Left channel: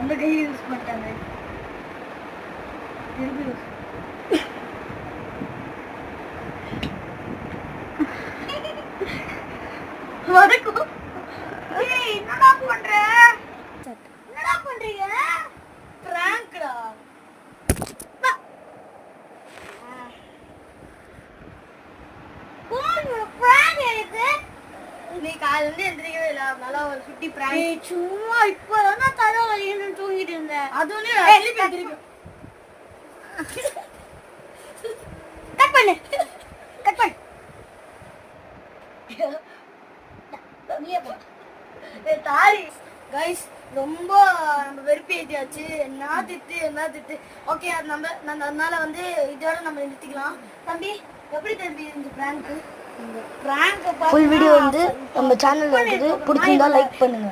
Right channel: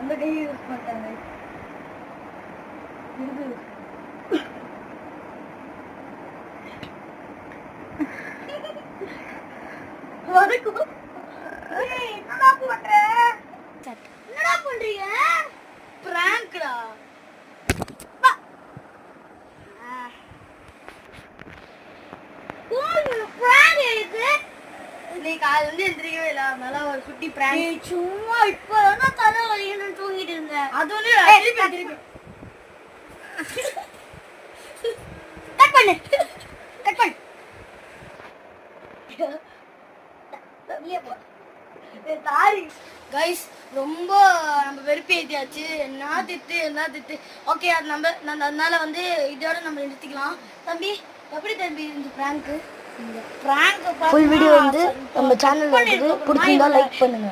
அந்த கை யூஸ் பண்ணிட்டாங்க. வணக்கம். என்னடா பண்ற? என்னடா பண்றீங்க? பிராங்க்டா. காலையில எந்திரிக்கவே இல்லை, அதனால ஒரு குட்டி பிராங்க். சும்மா இப்பதான் தலை வலின்னு தூங்கிட்டு இருந்தேன். அது ஒண்ணு கட் பண்ணு, கட் பண்ணு. கைஸ் ரொம்ப நம்ம வெறுப்பு ஏற்றியாச்சு. என்ன திட்டு. ஓகே, அது அதனால வந்து இதோட நம்ம நிறுத்திக்கலாம். தம்பி எப்படி தம்பி இந்த பிராங்க்? இந்த பிராங்க் ஃபுல் வீடியோ வந்து நம்ம சேனல்ல இருக்குது. பிடிச்சிருந்தா லைக் பண்ணுங்க.